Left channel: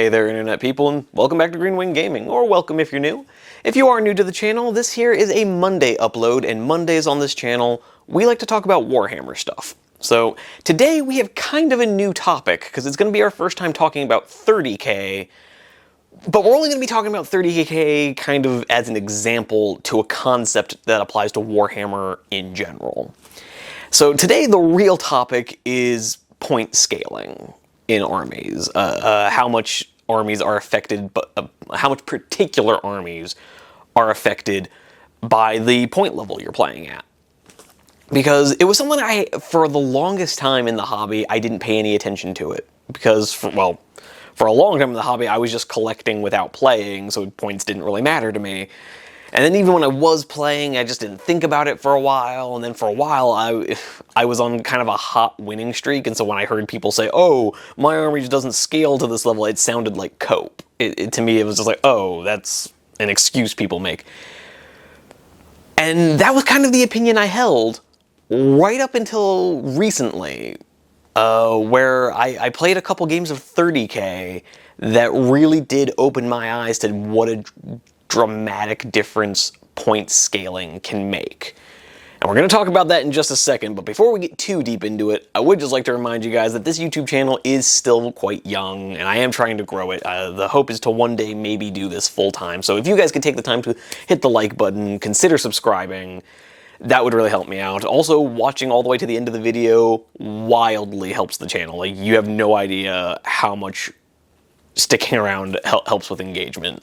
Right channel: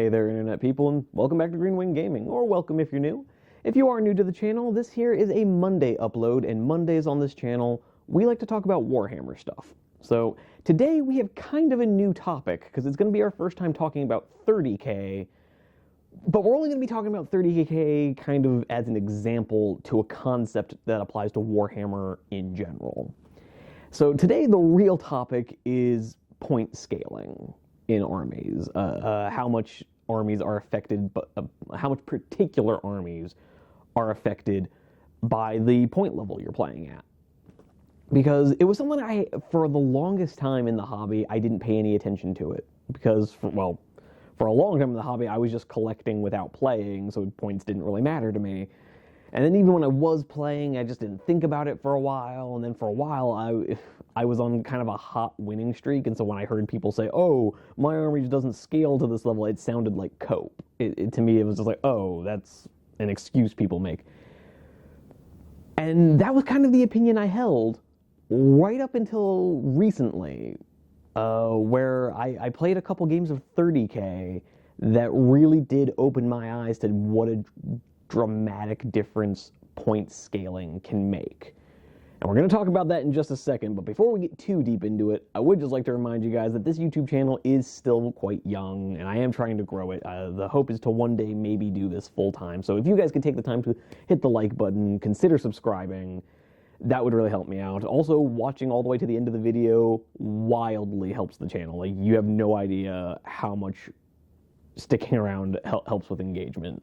Hey there, Internet people, and welcome back to Green Wing Gaming, or welcome if you're new. If you are new to the channel, this here is a Monday upload, and Mondays on this channel, we like to talk about Warhammer stuff. So, today we have kind of a new topic, because it's going to be our first time talking about 30k, but we're only going to be talking about 30k kind of as an example to a concept that applies to Warhammer in general. So today the real topic is point scaling in armies, how much armies are affected, how much particular armies are affected by the point level you're playing at. Because it was something for the longest time in the hobby, I didn't pay any attention to it. Because, for a long time in the hobby, I was just collecting without playing, so points didn't really matter to me. And then even when I was playing, I just didn't think about it for a while, and then for a while I was on kind of a hot winning streak, and so when I heard people say, oh, my army just doesn't scale to this level, it sounded like cope. To me, it was just like, oh, that's an excuse people make. And that was kind of the opinion I held right up until recently, where I played a couple games of 30k that really did open my eyes to what a dramatic difference point scaling can make. And we're going to talk about that in just a second, but before we get too deep into it, I would just like to remind you guys that this YouTube channel is still quite young, and I am trying to grow it. The hope is to one day maybe do this full time, so if you guys could take the time to hit the like button, consider subscribing, that would really help me out. Also, watching all the way to the end of the video wildly helps the channel. Like, you have no idea how much sticking around helps with engagement.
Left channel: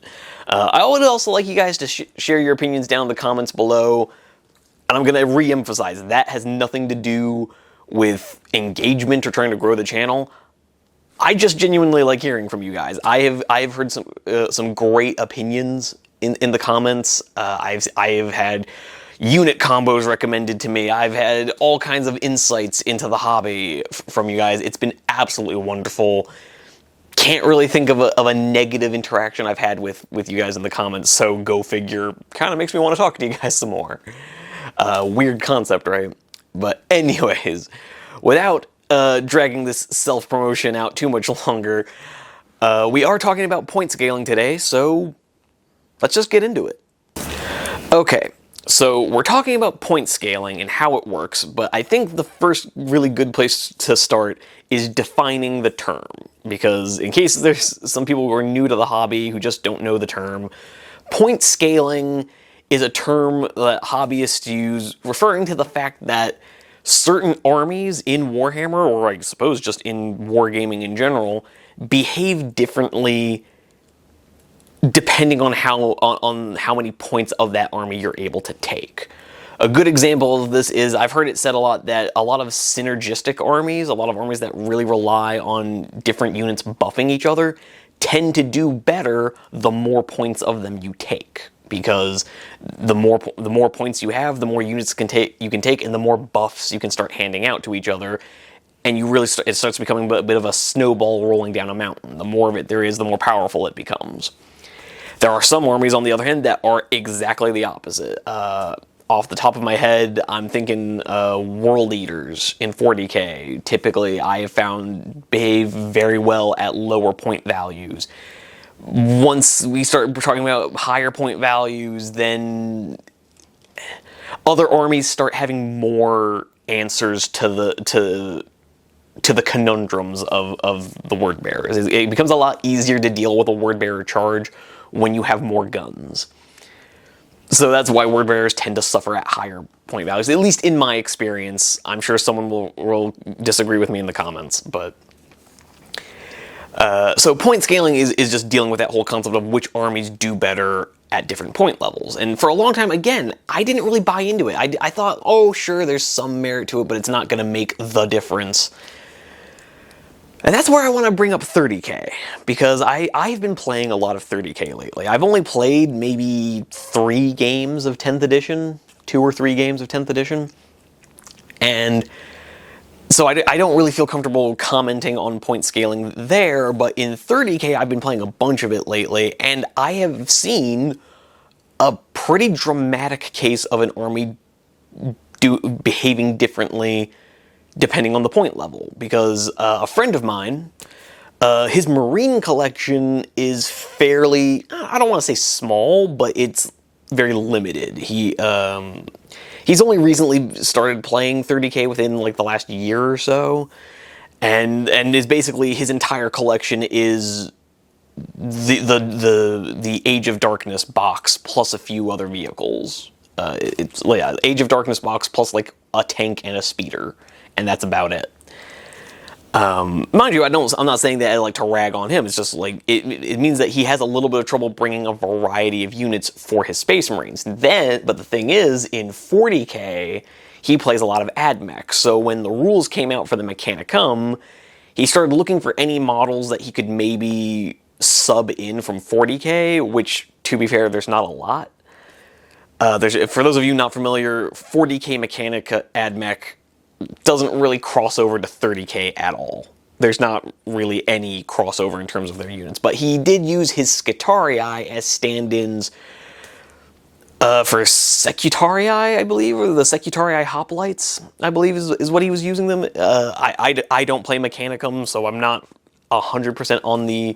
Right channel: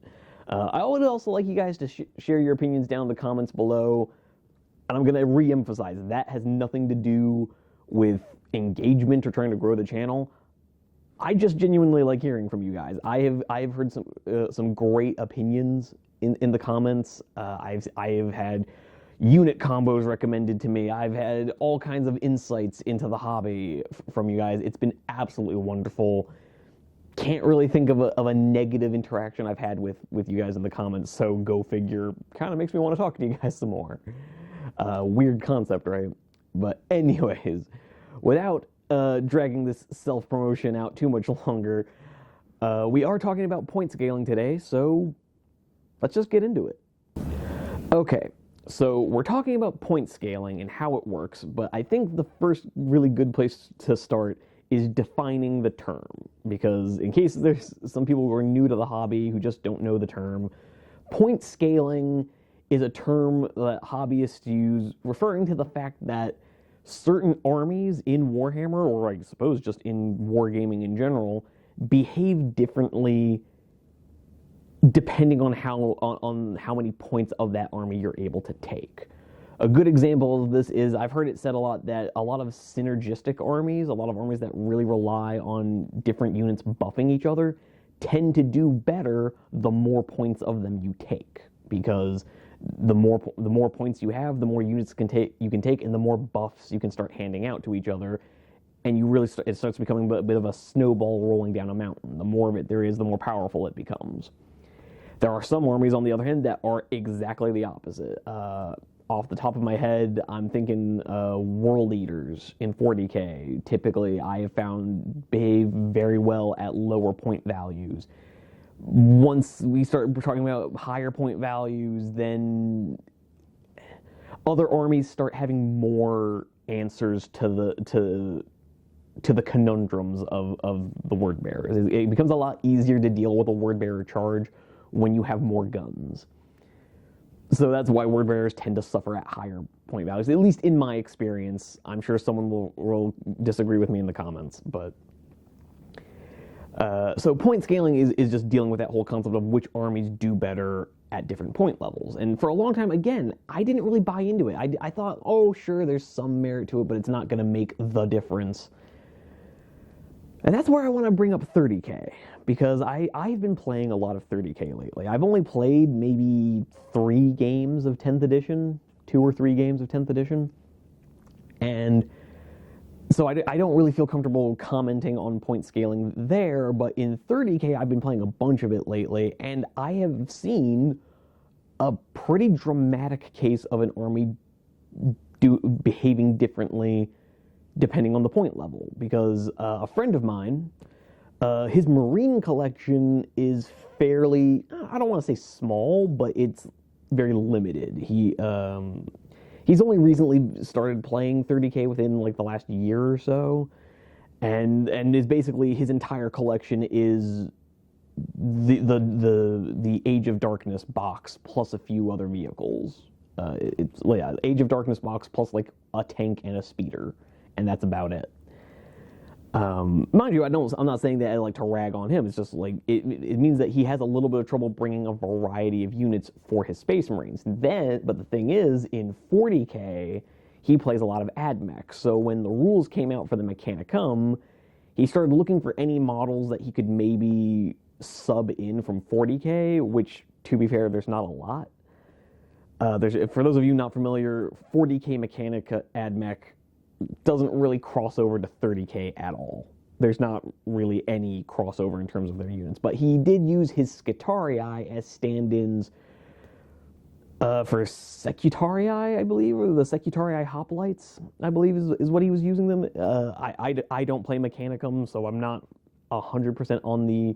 I would also like you guys to share your opinions down in the comments below, and I'm going to re-emphasize, that has nothing to do with engagement or trying to grow the channel. I just genuinely like hearing from you guys. I've heard some great opinions in the comments. I've had unit combos recommended to me. I've had all kinds of insights into the hobby from you guys. It's been absolutely wonderful. Can't really think of a negative interaction I've had with you guys in the comments, so go figure. Kind of makes me want to talk to you guys some more. Weird concept, right? But anyways, without dragging this self-promotion out too much longer, we are talking about point scaling today, so let's just get into it. Okay, so we're talking about point scaling and how it works, but I think the first really good place to start is defining the term, because in case there's some people who are new to the hobby who just don't know the term, point scaling is a term that hobbyists use referring to the fact that certain armies in Warhammer, or I suppose just in wargaming in general, behave differently depending on how many points of that army you're able to take. A good example of this is, I've heard it said a lot that a lot of synergistic armies, a lot of armies that really rely on different units buffing each other, tend to do better the more points of them you take. Because the more points you have, the more units you can take, and the more buffs you can start handing out to each other. And you really it starts becoming a bit of a snowball rolling down a mountain. The more of it there is, the more powerful it becomes. There are some armies, on the other hand, that are exactly the opposite. Off the top of my head, I'm thinking World Eaters in 40k. Typically, I have found behave very well at lower point values. Once we start talking about higher point values, then other armies start having more answers to the conundrums of the word bearers. It becomes a lot easier to deal with a word bearer charge when you have more guns. So that's why word bearers tend to suffer at higher point values, at least in my experience. I'm sure someone will disagree with me in the comments, but so point scaling is just dealing with that whole concept of which armies do better at different point levels. And for a long time, again, I didn't really buy into it. I thought, oh, sure, there's some merit to it, but it's not going to make the difference. And that's where I want to bring up 30k, because I've been playing a lot of 30k lately. I've only played maybe 3 games of 10th edition, 2 or 3 games of 10th edition, and so I don't really feel comfortable commenting on point scaling there, but in 30k I've been playing a bunch of it lately, and I have seen a pretty dramatic case of an army behaving differently depending on the point level, because a friend of mine His Marine collection is fairly, I don't want to say small, but it's very limited. He's only recently started playing 30K within like the last year or so, and is basically his entire collection is the Age of Darkness box plus a few other vehicles. It's yeah, Age of Darkness box plus like a tank and a speeder, and that's about it. Mind you, I'm not saying that I like to rag on him. It's just like it means that he has a little bit of trouble bringing a variety of units for his Space Marines. But the thing is, in 40K, he plays a lot of AdMech. So when the rules came out for the Mechanicum, he started looking for any models that he could maybe sub in from 40K, which, to be fair, there's not a lot. For those of you not familiar, 40K Mechanica AdMech doesn't really cross over to 30K at all. There's not really any crossover in terms of their units, but he did use his Scutarii as stand-ins for Secutarii, I believe, or the Secutarii Hoplites, I believe is what he was using them. I don't play Mechanicum, so I'm not 100% on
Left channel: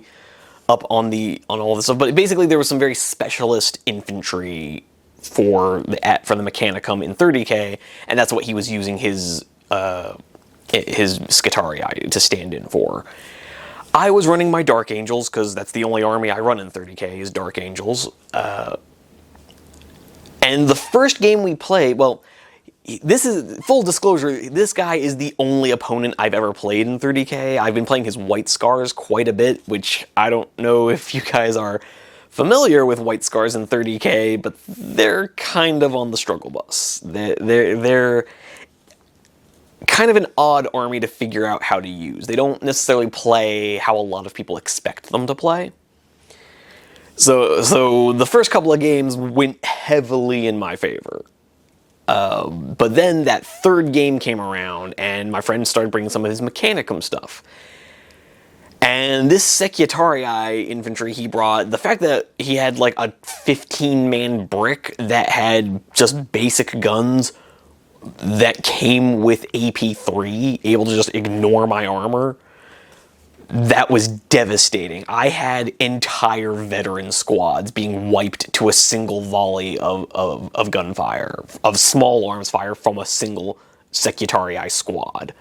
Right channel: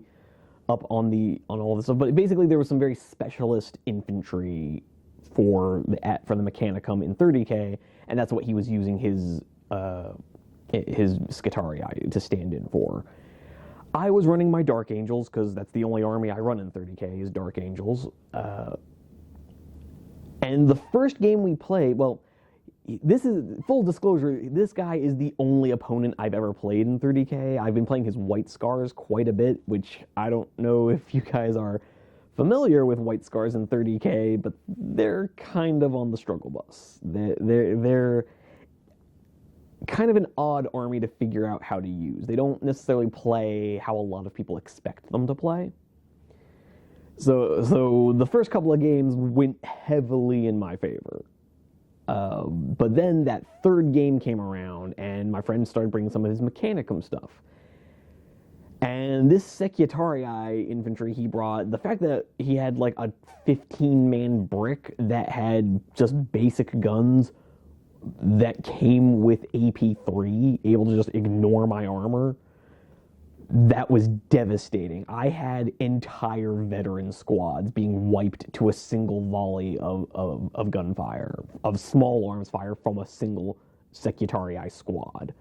all this stuff. But basically, there was some very specialist infantry for the Mechanicum in 30K, and that's what he was using his Scutarii to stand in for. I was running my Dark Angels because that's the only army I run in 30K is Dark Angels. And the first game we played, well, this is full disclosure, this guy is the only opponent I've ever played in 30K. I've been playing his White Scars quite a bit, which I don't know if you guys are familiar with White Scars in 30K, but they're kind of on the struggle bus. They're kind of an odd army to figure out how to use. They don't necessarily play how a lot of people expect them to play. So the first couple of games went heavily in my favor. But then that third game came around, and my friend started bringing some of his Mechanicum stuff. And this Secutarii infantry he brought, the fact that he had like a 15-man brick that had just basic guns that came with AP3, able to just ignore my armor, that was devastating. I had entire veteran squads being wiped to a single volley of gunfire, of small arms fire from a single Secutarii squad.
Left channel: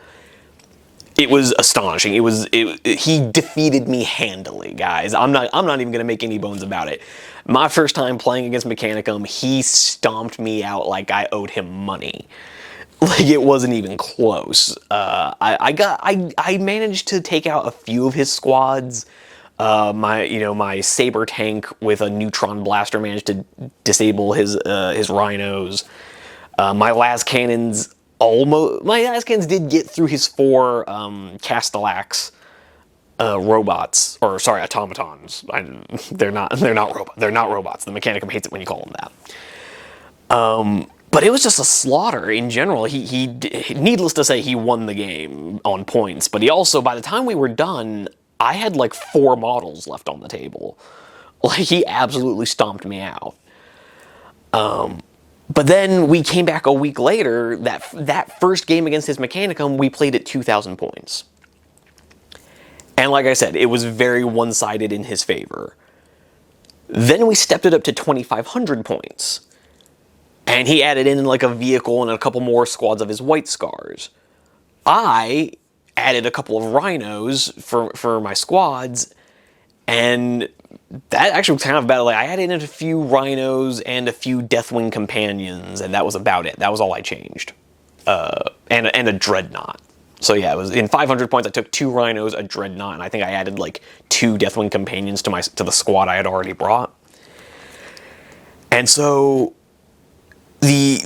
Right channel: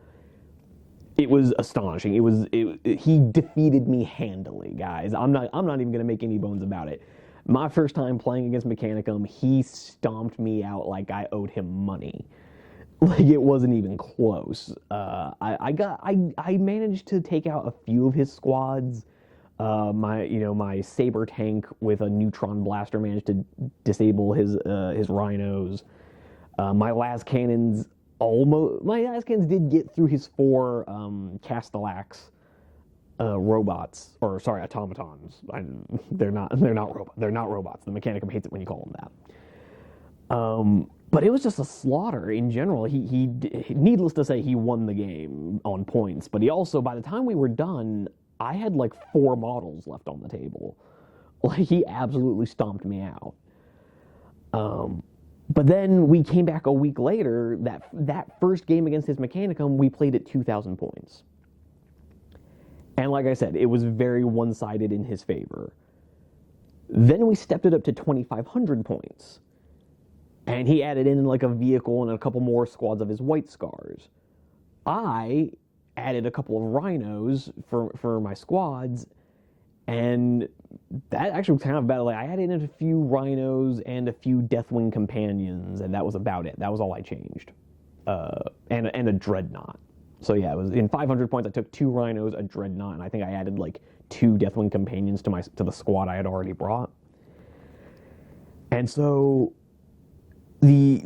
It was astonishing. He defeated me handily, guys. I'm not even gonna make any bones about it. My first time playing against Mechanicum, he stomped me out like I owed him money. Like, it wasn't even close. I managed to take out a few of his squads. My saber tank with a neutron blaster managed to disable his rhinos. My las cannons did get through his 4 Castellax robots, or sorry, automatons. They're not robots. They're not robots. The Mechanicum hates it when you call them that. But it was just a slaughter in general. He needless to say, he won the game on points. But he also, by the time we were done, I had like 4 models left on the table. Like, he absolutely stomped me out. But then we came back a week later. That first game against his Mechanicum, we played at 2,000 points. And like I said, it was very one-sided in his favor. Then we stepped it up to 2,500 points. And he added in like a vehicle and a couple more squads of his White Scars. I added a couple of rhinos for my squads, and that actually was kind of bad. Like, I added in a few rhinos and a few Deathwing companions, and that was about it. That was all I changed. And a dreadnought. So yeah, it was in 500 points. I took 2 rhinos, a dreadnought, and I think I added like 2 Deathwing companions to the squad I had already brought. And so the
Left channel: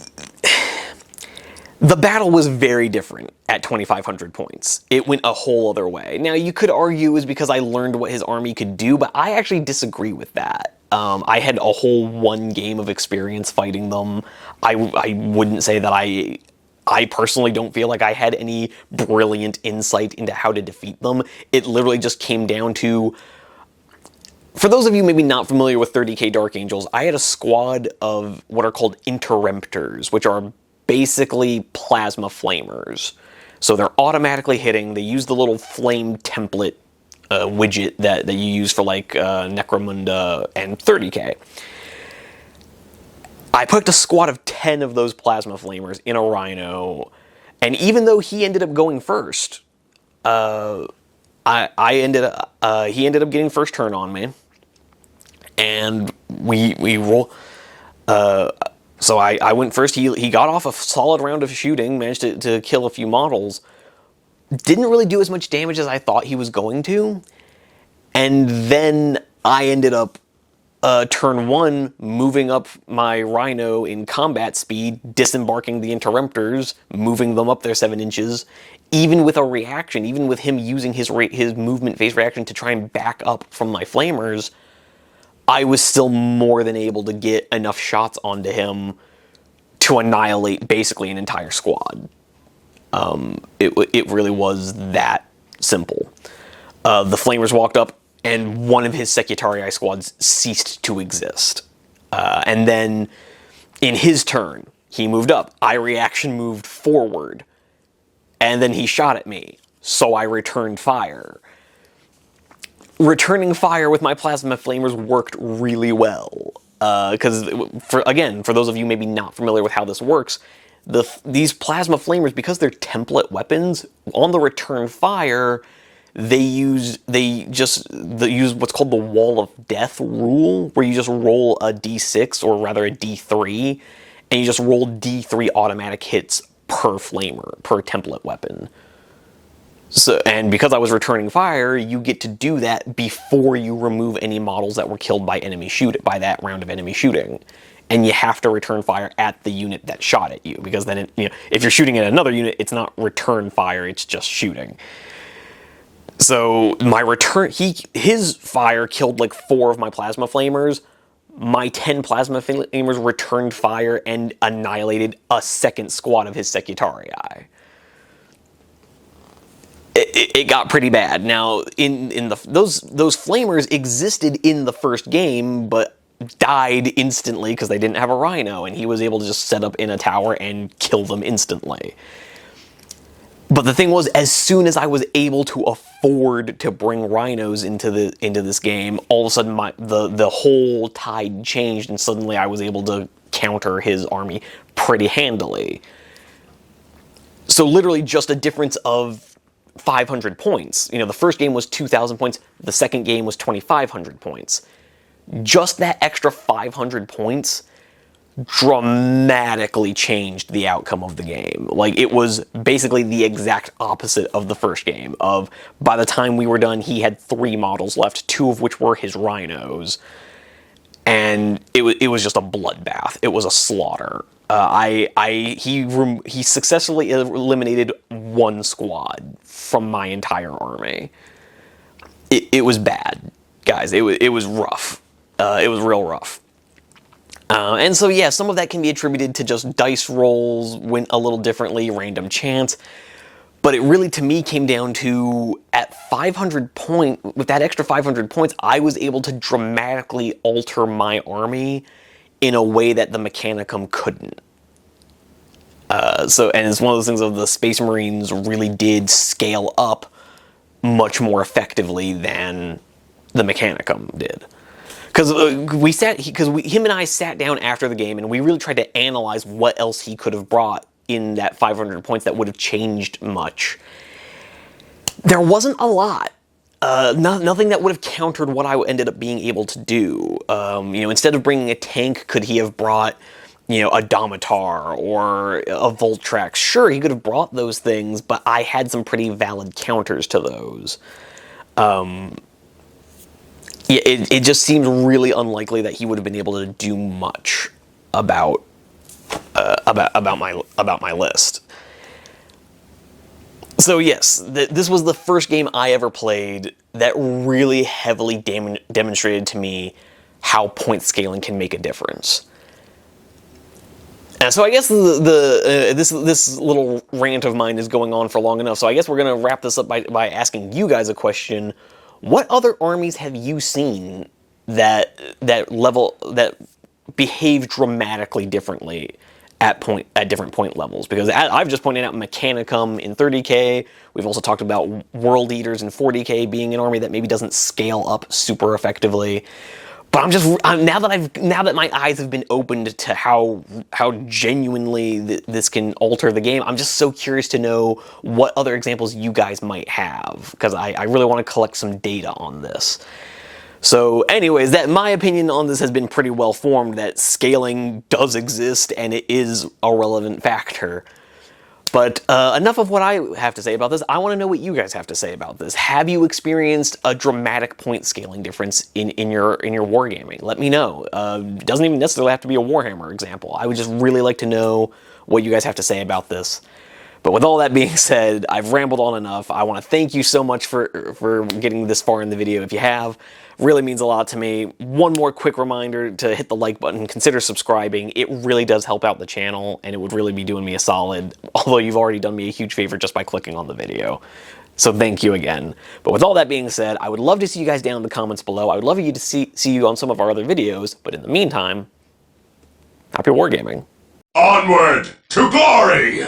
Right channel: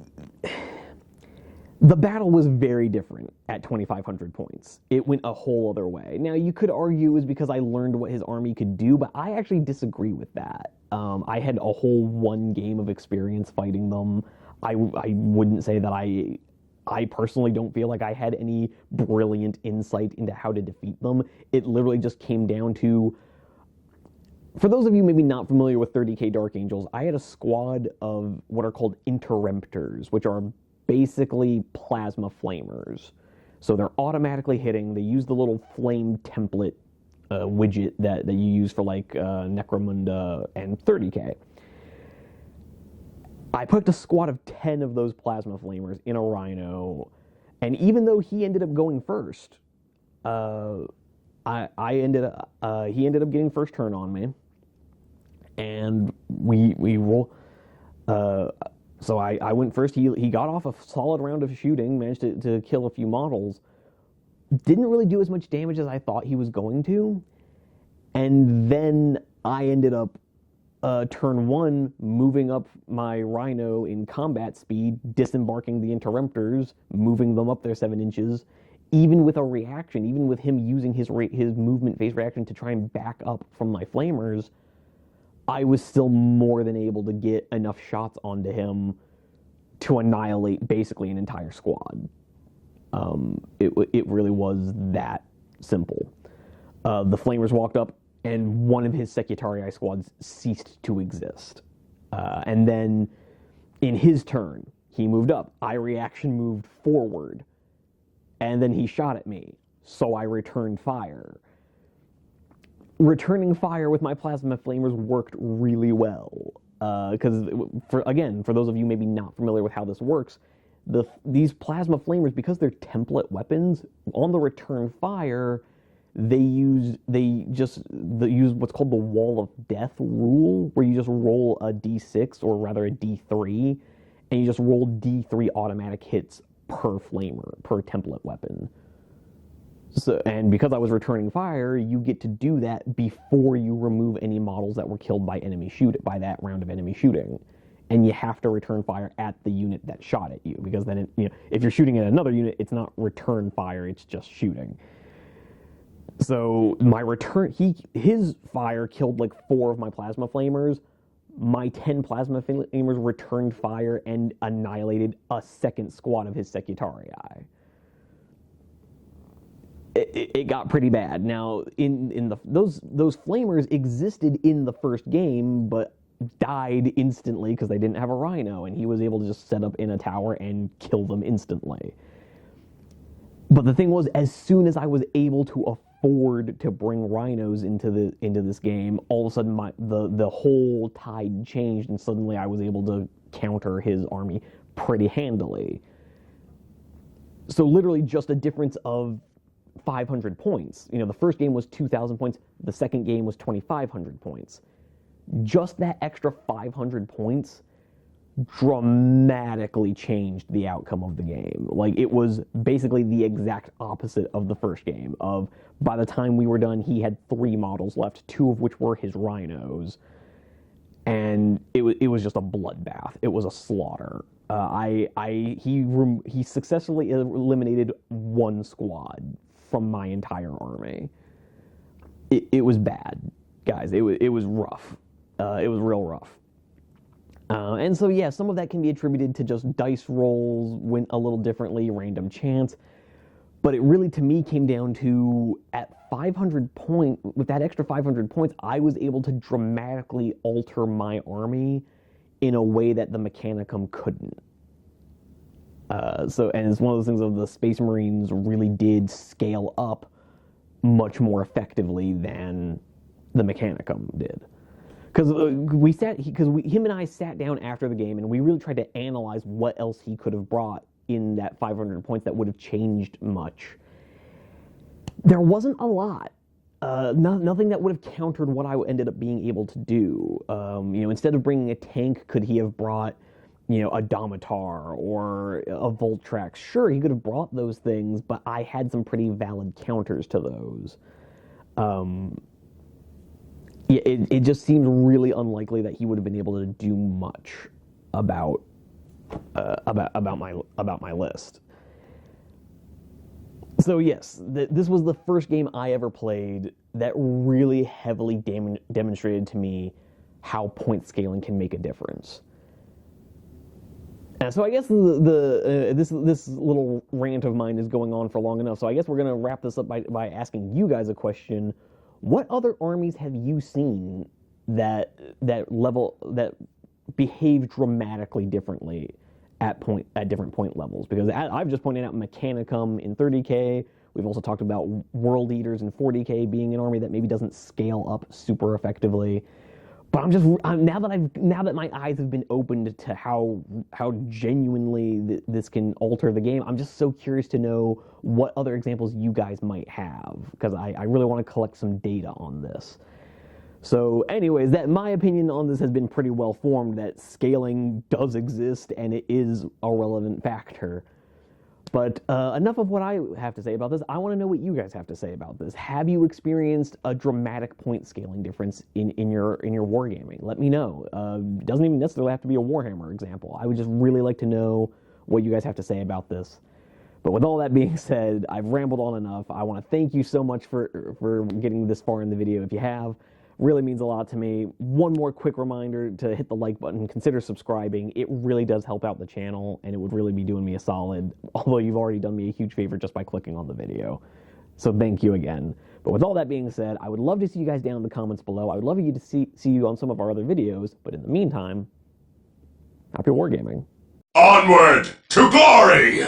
battle was very different at 2,500 points. It went a whole other way. Now, you could argue it was because I learned what his army could do, but I actually disagree with that. I had a whole 1 game of experience fighting them. I wouldn't say that I personally don't feel like I had any brilliant insight into how to defeat them. It literally just came down to, for those of you maybe not familiar with 30K Dark Angels, I had a squad of what are called interruptors, which are basically plasma flamers. So they're automatically hitting. They use the little flame template widget that you use for like Necromunda and 30k. I picked a squad of 10 of those Plasma Flamers in a Rhino, and even though he ended up going first, he ended up getting first turn on me, and we roll. So I went first. He got off a solid round of shooting, managed to kill a few models. Didn't really do as much damage as I thought he was going to, and then I ended up turn 1 moving up my Rhino in combat speed, disembarking the Interrupters, moving them up there 7 inches. Even with a reaction, even with him using his movement phase reaction to try and back up from my Flamers, I was still more than able to get enough shots onto him to annihilate basically an entire squad. It really was that simple. The Flamers walked up, and one of his Secutarii squads ceased to exist. And then, in his turn, he moved up. I reaction moved forward. And then he shot at me, so I returned fire. Returning fire with my Plasma Flamers worked really well. Because, for those of you maybe not familiar with how this works, these Plasma Flamers, because they're template weapons, on the return fire, they use what's called the Wall of Death rule, where you just roll a d6, or rather a d3, and you just roll d3 automatic hits per flamer, per template weapon. So, and because I was returning fire, you get to do that before you remove any models that were killed by by that round of enemy shooting. And you have to return fire at the unit that shot at you, because then if you're shooting at another unit, it's not return fire, it's just shooting. So his fire killed like 4 of my Plasma Flamers. My 10 Plasma Flamers returned fire and annihilated a second squad of his Secutarii. It got pretty bad. Now, those Flamers existed in the first game, but died instantly because they didn't have a Rhino, and he was able to just set up in a tower and kill them instantly. But the thing was, as soon as I was able to afford to bring Rhinos into this game, all of a sudden the whole tide changed, and suddenly I was able to counter his army pretty handily. So literally just a difference of 500 points. The first game was 2,000 points. The second game was 2,500 points. Just that extra 500 points dramatically changed the outcome of the game. Like, it was basically the exact opposite of the first game. By the time we were done, he had 3 models left, 2 of which were his Rhinos, and it was just a bloodbath. It was a slaughter. He successfully eliminated 1 squad from my entire army. It was bad, guys. It was rough. It was real rough. And so, yeah, some of that can be attributed to just dice rolls, went a little differently, random chance. But it really, to me, came down to, at 500 with that extra 500 points, I was able to dramatically alter my army in a way that the Mechanicum couldn't. And it's one of those things of the Space Marines really did scale up much more effectively than the Mechanicum did. Because him and I sat down after the game, and we really tried to analyze what else he could have brought in that 500 points that would have changed much. There wasn't a lot. Nothing that would have countered what I ended up being able to do. Instead of bringing a tank, could he have brought, a Domitar or a Voltrax? Sure, he could have brought those things, but I had some pretty valid counters to those. It just seemed really unlikely that he would have been able to do much about my list. So yes, this was the first game I ever played that really heavily demonstrated to me how point scaling can make a difference. And so I guess this little rant of mine is going on for long enough. So I guess we're gonna wrap this up by asking you guys a question. What other armies have you seen that behave dramatically differently at different point levels, because I've just pointed out Mechanicum in 30k. We've also talked about World Eaters in 40k being an army that maybe doesn't scale up super effectively. But now that my eyes have been opened to how genuinely this can alter the game, I'm just so curious to know what other examples you guys might have, because I really want to collect some data on this. So anyways, my opinion on this has been pretty well formed, that scaling does exist and it is a relevant factor. But enough of what I have to say about this. I want to know what you guys have to say about this. Have you experienced a dramatic point scaling difference in your wargaming? Let me know. It doesn't even necessarily have to be a Warhammer example. I would just really like to know what you guys have to say about this. But with all that being said, I've rambled on enough. I want to thank you so much for getting this far in the video. If you have, really means a lot to me. One more quick reminder to hit the like button, consider subscribing. It really does help out the channel, and it would really be doing me a solid, although you've already done me a huge favor just by clicking on the video. So thank you again. But with all that being said, I would love to see you guys down in the comments below. I would love to see you on some of our other videos, but in the meantime, happy wargaming. Onward to glory!